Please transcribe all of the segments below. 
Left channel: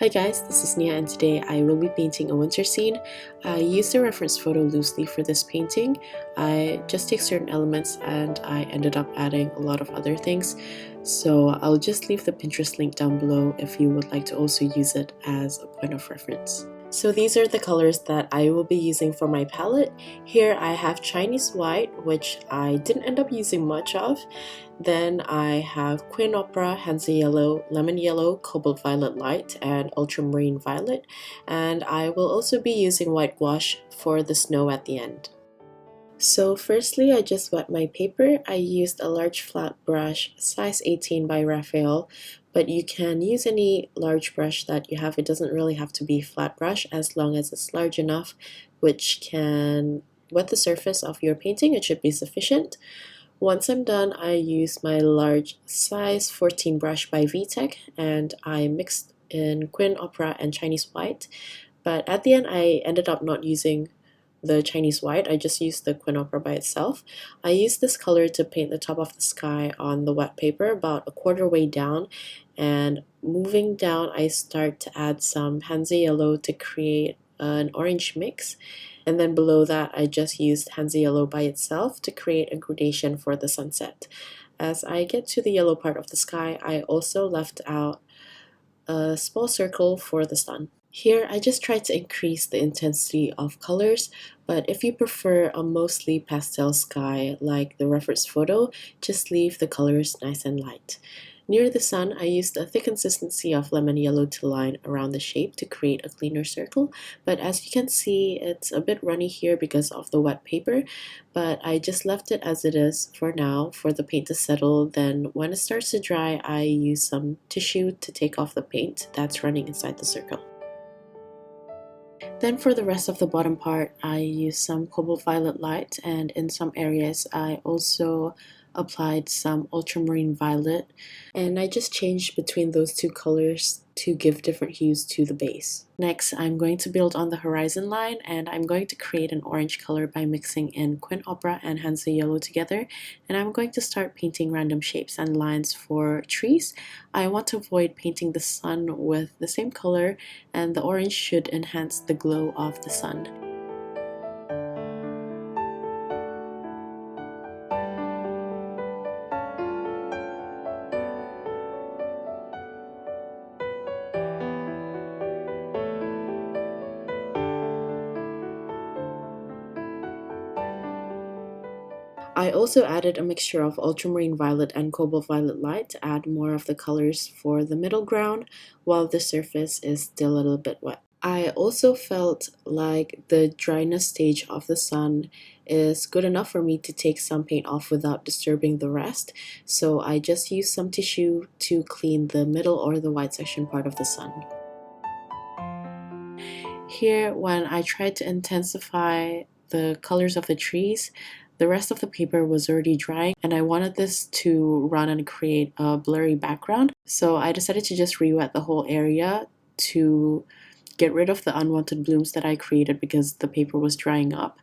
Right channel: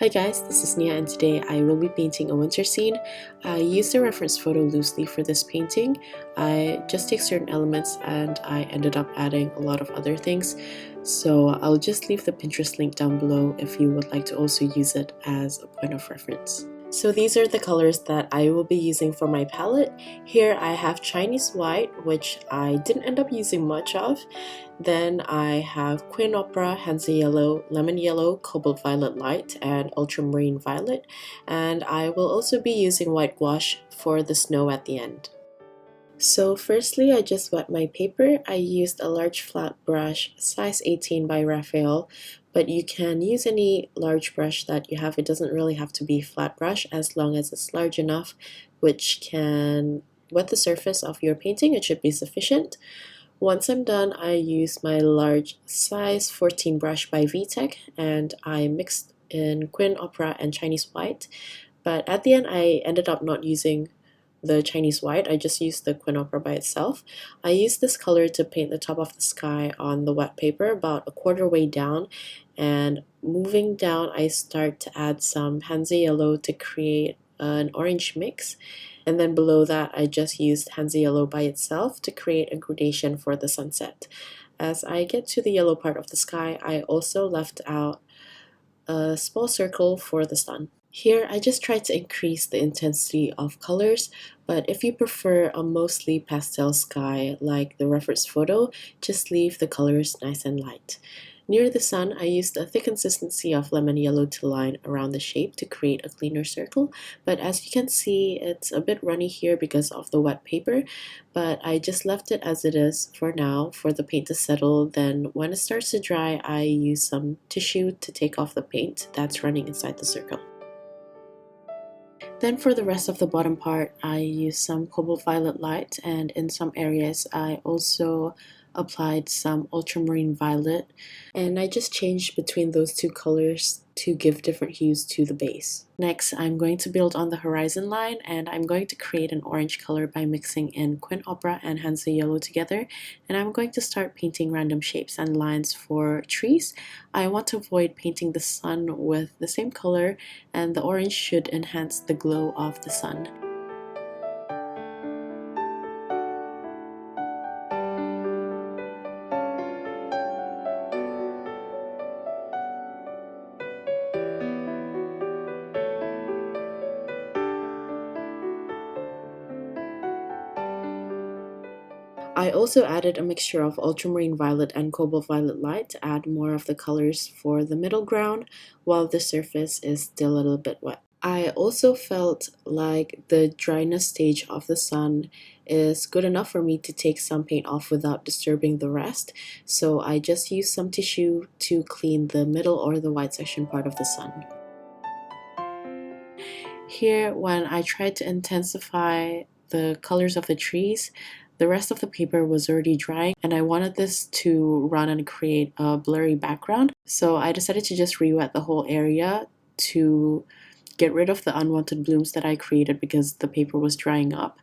Hi guys, this is Nia and today I will be painting a winter scene. I used a reference photo loosely for this painting. I just take certain elements and I ended up adding a lot of other things. So I'll just leave the Pinterest link down below if you would like to also use it as a point of reference. So these are the colors that I will be using for my palette. Here I have Chinese white, which I didn't end up using much of. Then I have Queen Opera, Hansa yellow, lemon yellow, cobalt violet light, and ultramarine violet. And I will also be using white gouache for the snow at the end. So firstly, I just wet my paper. I used a large flat brush, size 18 by Raphael, but you can use any large brush that you have. It doesn't really have to be flat brush as long as it's large enough, which can wet the surface of your painting. It should be sufficient. Once I'm done, I use my large size 14 brush by Vtec and I mixed in Queen Opera and Chinese white, but at the end I ended up not using the Chinese white. I just used the Queen Opera by itself. I used this color to paint the top of the sky on the wet paper about a quarter way down, and moving down I start to add some Hansa yellow to create an orange mix, and then below that I just used Hansa yellow by itself to create a gradation for the sunset. As I get to the yellow part of the sky, I also left out a small circle for the sun. Here, I just tried to increase the intensity of colors, but if you prefer a mostly pastel sky like the reference photo, just leave the colors nice and light. Near the sun, I used a thick consistency of lemon yellow to line around the shape to create a cleaner circle, but as you can see, it's a bit runny here because of the wet paper, but I just left it as it is for now for the paint to settle. Then when it starts to dry, I use some tissue to take off the paint that's running inside the circle. Then for the rest of the bottom part, I used some cobalt violet light, and in some areas I also applied some ultramarine violet, and I just changed between those two colors to give different hues to the base. Next, I'm going to build on the horizon line, and I'm going to create an orange color by mixing in Queen Opera and Hansa yellow together, and I'm going to start painting random shapes and lines for trees. I want to avoid painting the sun with the same color, and the orange should enhance the glow of the sun. I also added a mixture of ultramarine violet and cobalt violet light to add more of the colors for the middle ground while the surface is still a little bit wet. I also felt like the dryness stage of the sun is good enough for me to take some paint off without disturbing the rest, so I just used some tissue to clean the middle or the white section part of the sun. Here, when I tried to intensify the colors of the trees, the rest of the paper was already drying and I wanted this to run and create a blurry background. So I decided to just re-wet the whole area to get rid of the unwanted blooms that I created because the paper was drying up.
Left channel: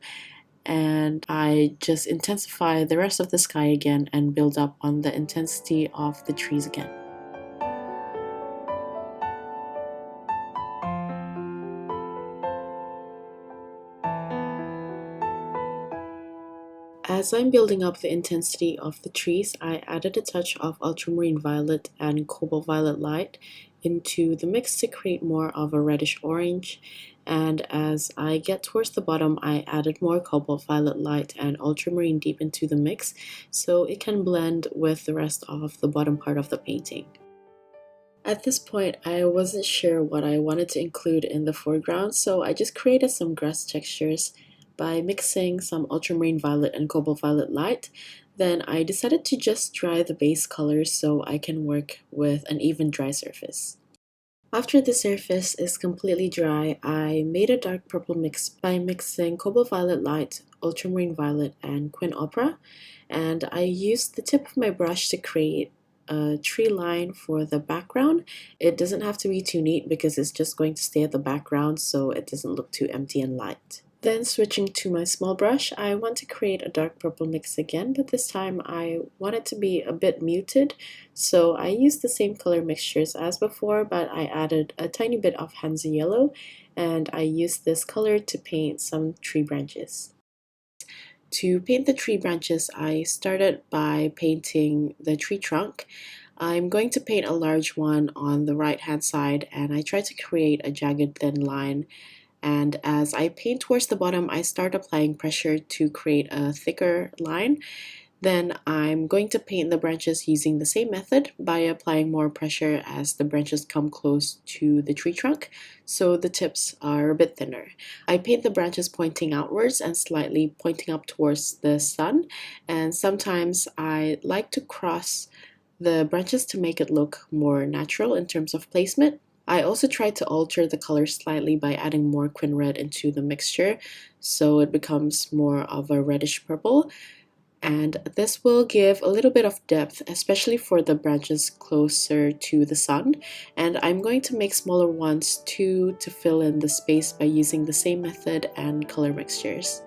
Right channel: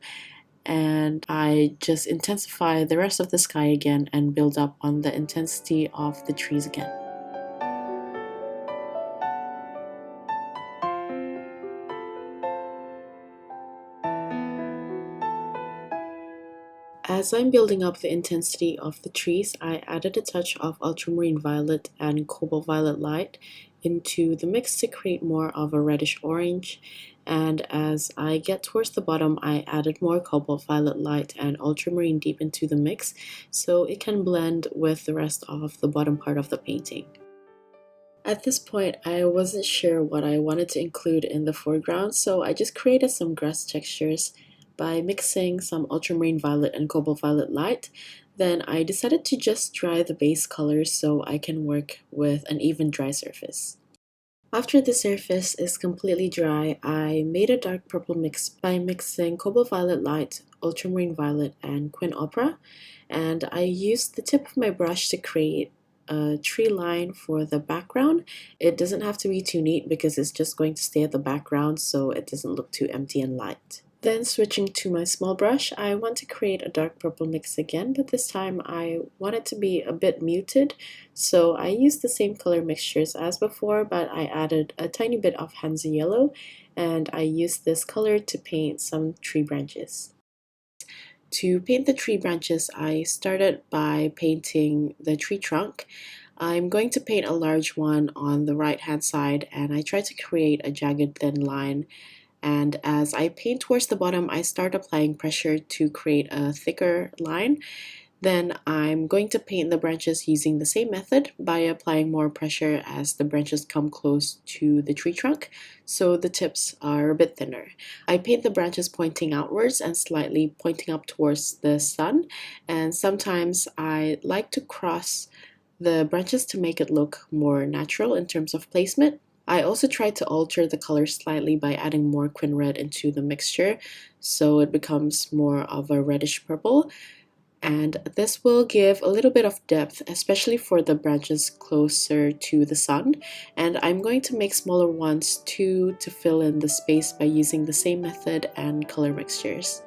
And I just intensify the rest of the sky again and build up on the intensity of the trees again. As I'm building up the intensity of the trees, I added a touch of ultramarine violet and cobalt violet light into the mix to create more of a reddish orange, and as I get towards the bottom, I added more cobalt violet light and ultramarine deep into the mix so it can blend with the rest of the bottom part of the painting. At this point, I wasn't sure what I wanted to include in the foreground, so I just created some grass textures by mixing some ultramarine violet and cobalt violet light. Then I decided to just dry the base colors so I can work with an even dry surface. After the surface is completely dry, I made a dark purple mix by mixing cobalt violet light, ultramarine violet, and Queen Opera, and I used the tip of my brush to create a tree line for the background. It doesn't have to be too neat because it's just going to stay at the background so it doesn't look too empty and light. Then switching to my small brush, I want to create a dark purple mix again, but this time I want it to be a bit muted. So I used the same color mixtures as before, but I added a tiny bit of Hansa yellow, and I used this color to paint some tree branches. To paint the tree branches, I started by painting the tree trunk. I'm going to paint a large one on the right hand side, and I try to create a jagged thin line. And as I paint towards the bottom, I start applying pressure to create a thicker line. Then I'm going to paint the branches using the same method by applying more pressure as the branches come close to the tree trunk, so the tips are a bit thinner. I paint the branches pointing outwards and slightly pointing up towards the sun, and sometimes I like to cross the branches to make it look more natural in terms of placement. I also tried to alter the color slightly by adding more quin red into the mixture, so it becomes more of a reddish purple. And this will give a little bit of depth, especially for the branches closer to the sun. And I'm going to make smaller ones too to fill in the space by using the same method and color mixtures.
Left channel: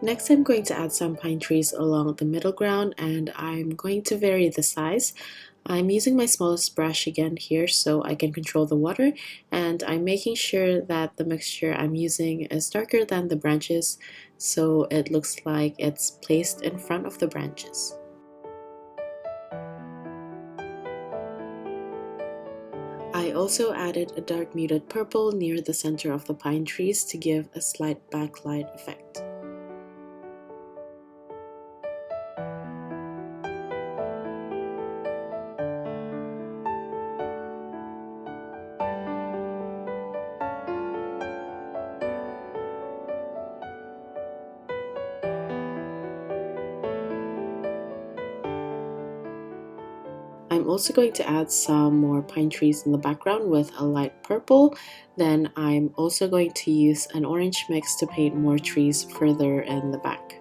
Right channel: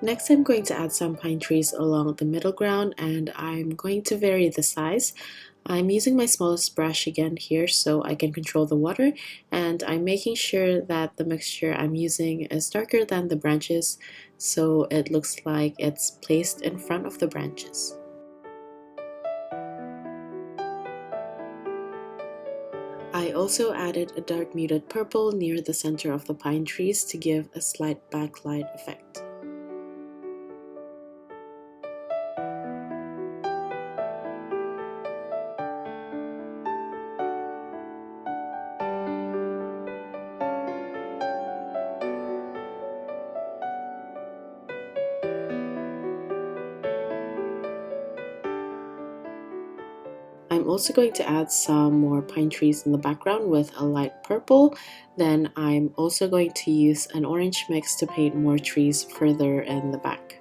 Next, I'm going to add some pine trees along the middle ground, and I'm going to vary the size. I'm using my smallest brush again here so I can control the water, and I'm making sure that the mixture I'm using is darker than the branches so it looks like it's placed in front of the branches. I also added a dark muted purple near the center of the pine trees to give a slight backlight effect. I'm also going to add some more pine trees in the background with a light purple. Then I'm also going to use an orange mix to paint more trees further in the back.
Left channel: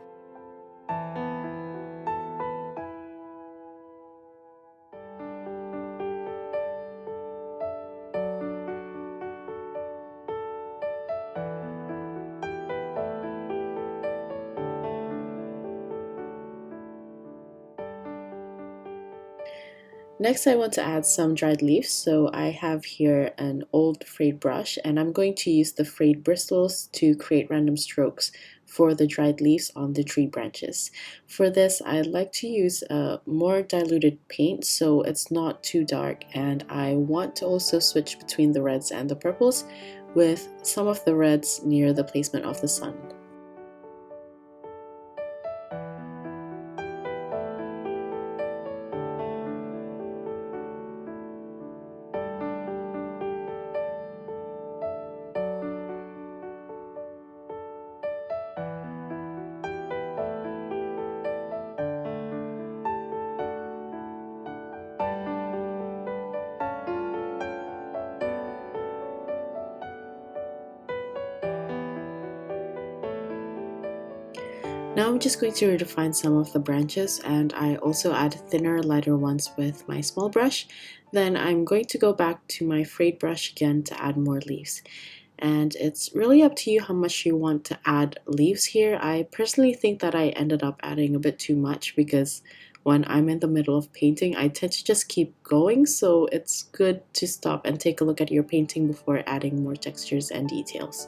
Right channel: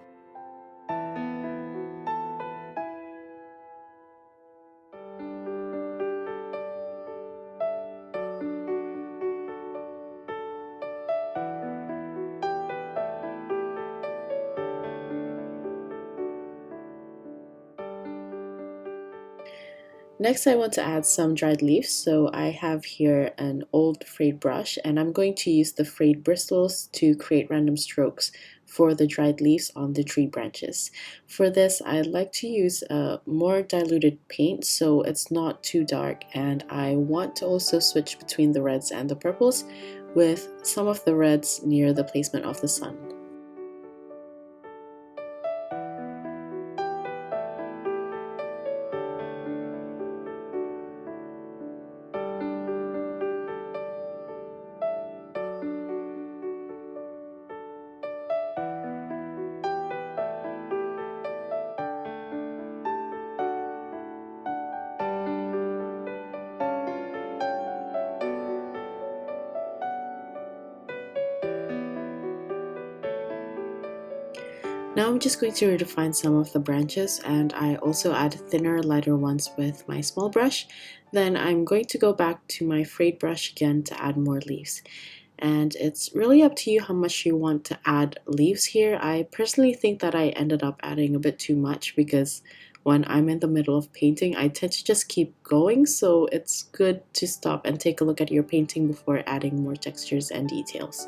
Next, I want to add some dried leaves, so I have here an old frayed brush, and I'm going to use the frayed bristles to create random strokes for the dried leaves on the tree branches. For this, I like to use a more diluted paint so it's not too dark, and I want to also switch between the reds and the purples with some of the reds near the placement of the sun. Now I'm just going to redefine some of the branches, and I also add thinner, lighter ones with my small brush. Then I'm going to go back to my frayed brush again to add more leaves. And it's really up to you how much you want to add leaves here. I personally think that I ended up adding a bit too much because when I'm in the middle of painting, I tend to just keep going, so it's good to stop and take a look at your painting before adding more textures and details.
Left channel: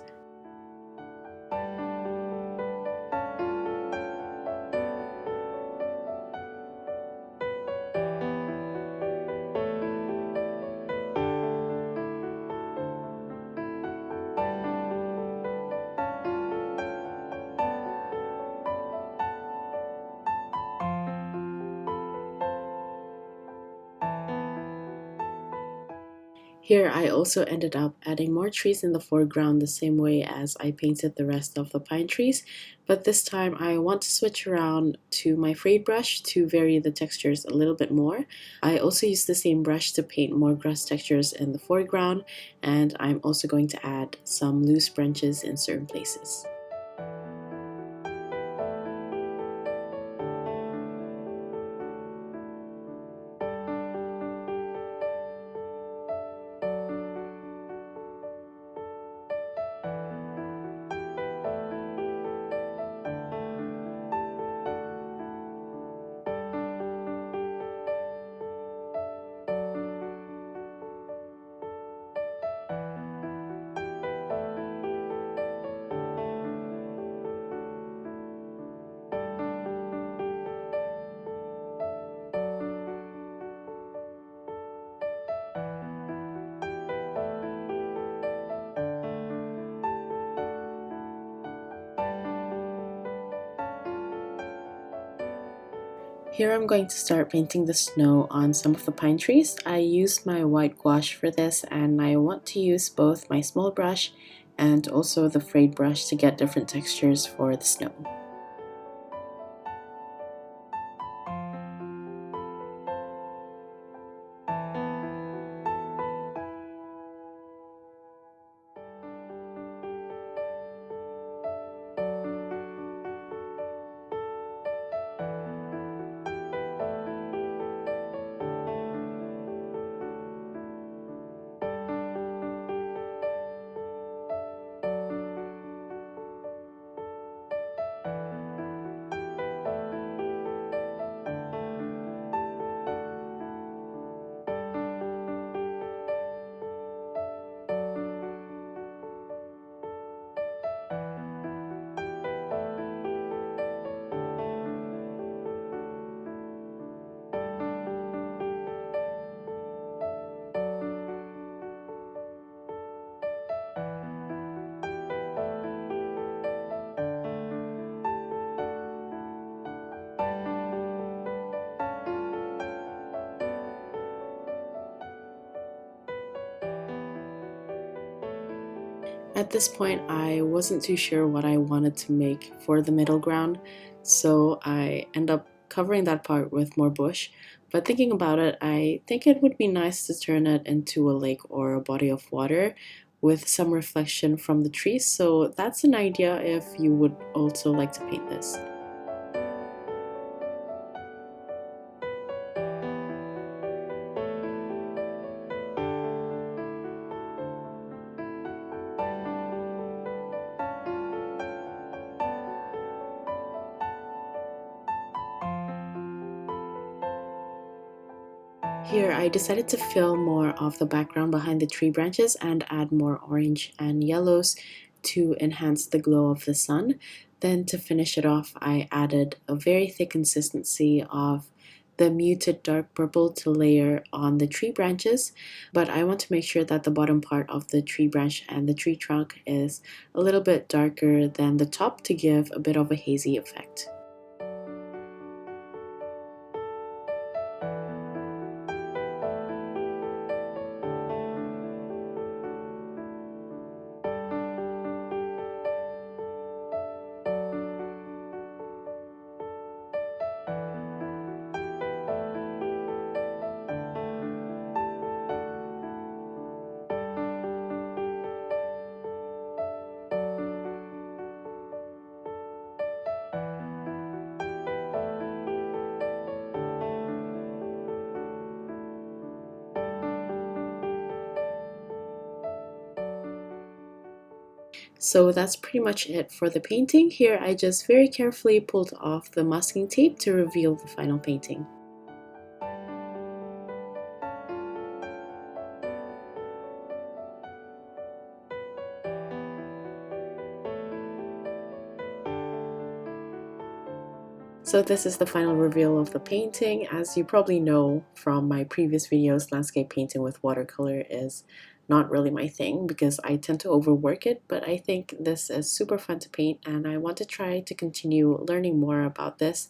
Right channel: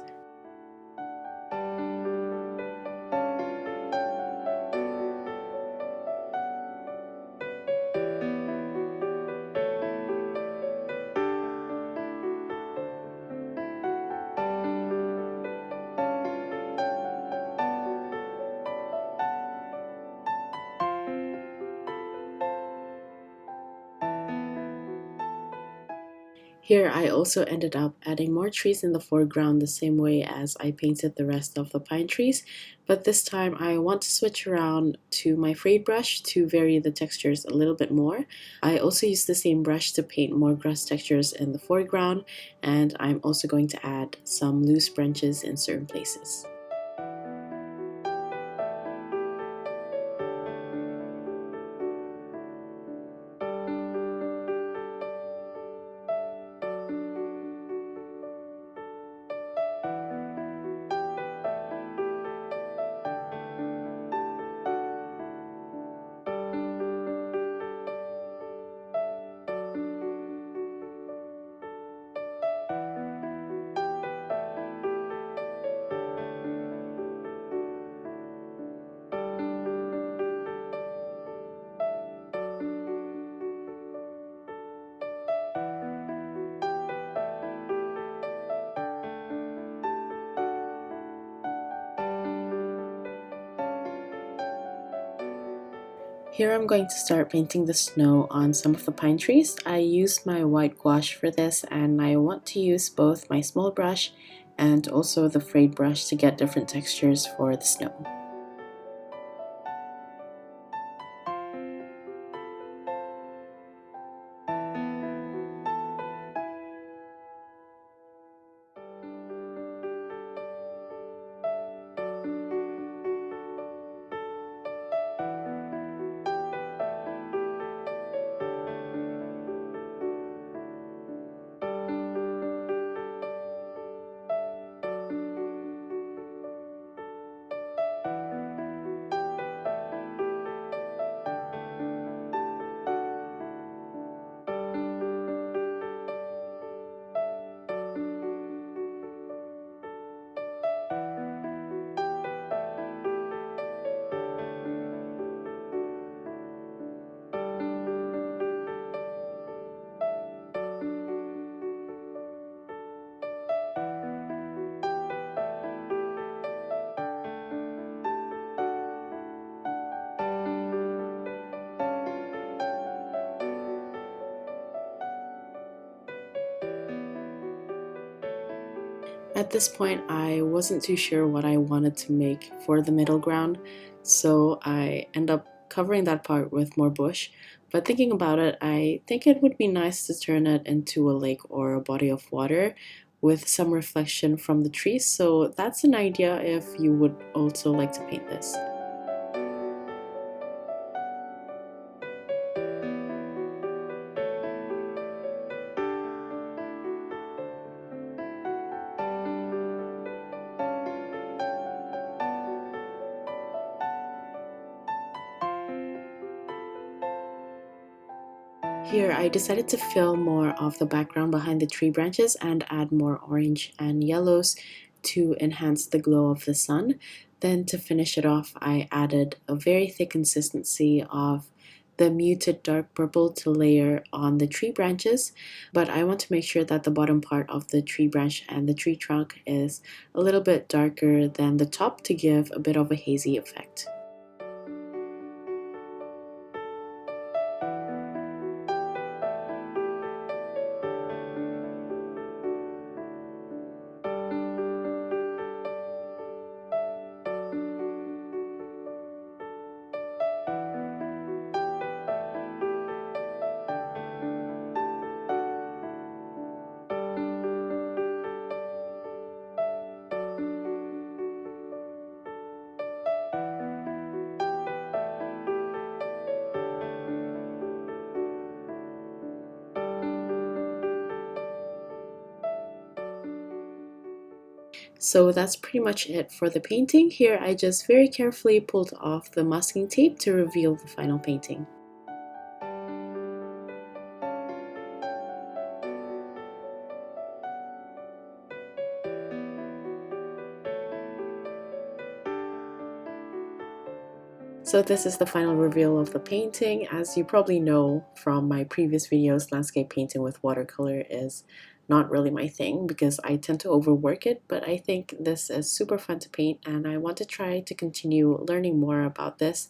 Here I also ended up adding more trees in the foreground the same way as I painted the rest of the pine trees, but this time I want to switch around to my frayed brush to vary the textures a little bit more. I also use the same brush to paint more grass textures in the foreground, and I'm also going to add some loose branches in certain places. Here I'm going to start painting the snow on some of the pine trees. I used my white gouache for this, and I want to use both my small brush and also the frayed brush to get different textures for the snow. At this point, I wasn't too sure what I wanted to make for the middle ground, so I end up covering that part with more bush. But thinking about it, I think it would be nice to turn it into a lake or a body of water with some reflection from the trees, so that's an idea if you would also like to paint this. Here I decided to fill more of the background behind the tree branches and add more orange and yellows to enhance the glow of the sun. Then to finish it off, I added a very thick consistency of the muted dark purple to layer on the tree branches, but I want to make sure that the bottom part of the tree branch and the tree trunk is a little bit darker than the top to give a bit of a hazy effect. So that's pretty much it for the painting. Here I just very carefully pulled off the masking tape to reveal the final painting. So this is the final reveal of the painting. As you probably know from my previous videos, landscape painting with watercolor is not really my thing because I tend to overwork it, but I think this is super fun to paint and I want to try to continue learning more about this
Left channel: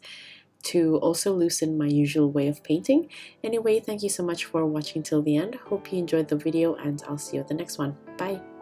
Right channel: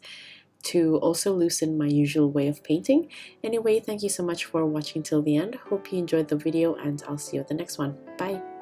to also loosen my usual way of painting. Anyway, thank you so much for watching till the end. Hope you enjoyed the video and I'll see you at the next one. Bye!